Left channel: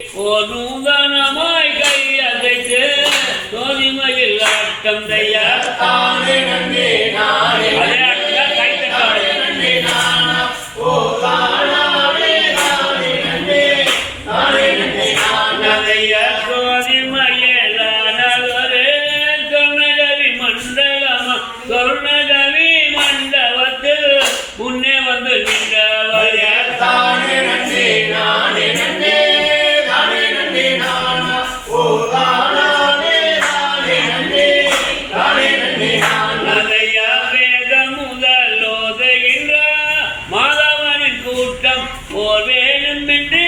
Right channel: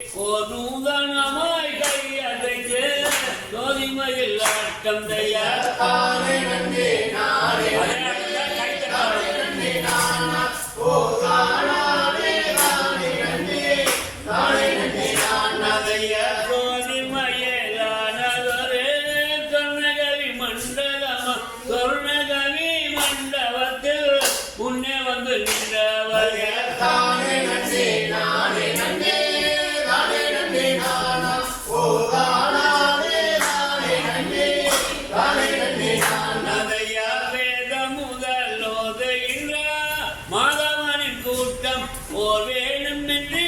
ஓர் கையதைத்து தோதிமையில் ஆட்டம் தையா கூட்டம் வேணும் என்று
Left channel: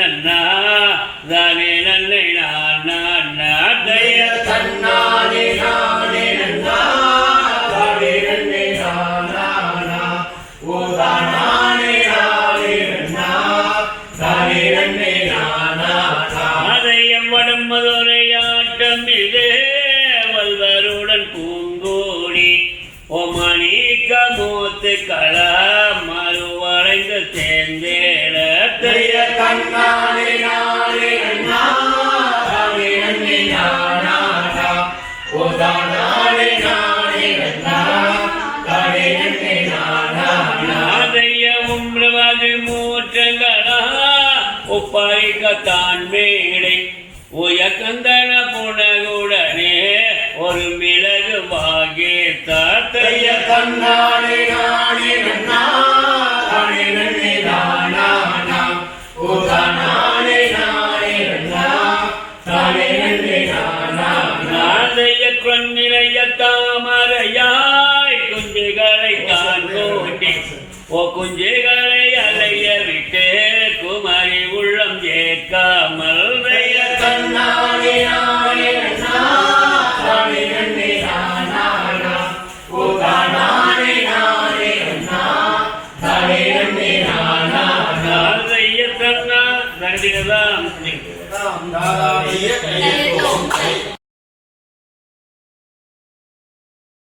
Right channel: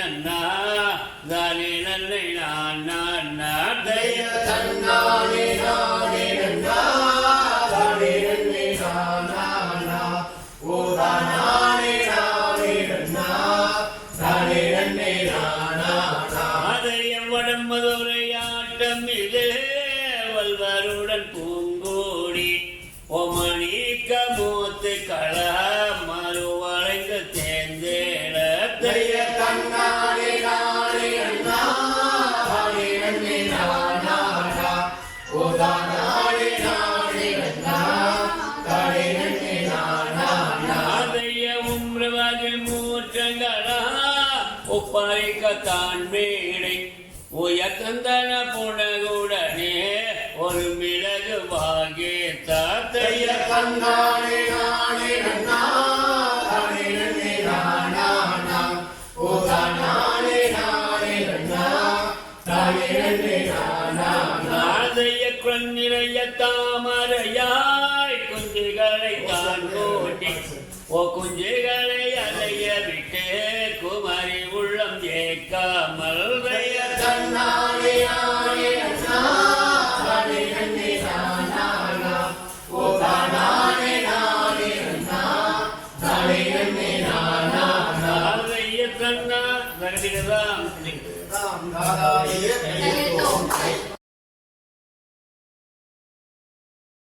நன்னே தானே நன்னே நானா நான் தன்னானே நானே நன்னா தானே நன்னை. நானா நானே நன்னா தானே நன்னை. இது வல்வருடன் பூங்கோடி மூத்து களா மறுவளைந்து தேர்ந்தேட தைய மேடை உயக்கந்தன புனகுடனே ஒரு மிளகு வாகே தாத்தைய நாதைய கொன்னிறைய தாமரையாய் குஞ்சுகளை தான் கூட்டி ஓ குஞ்சுகளை அலைய விட்டு குமரி உள்ளம் ஏற்காமல் தைய நாதைய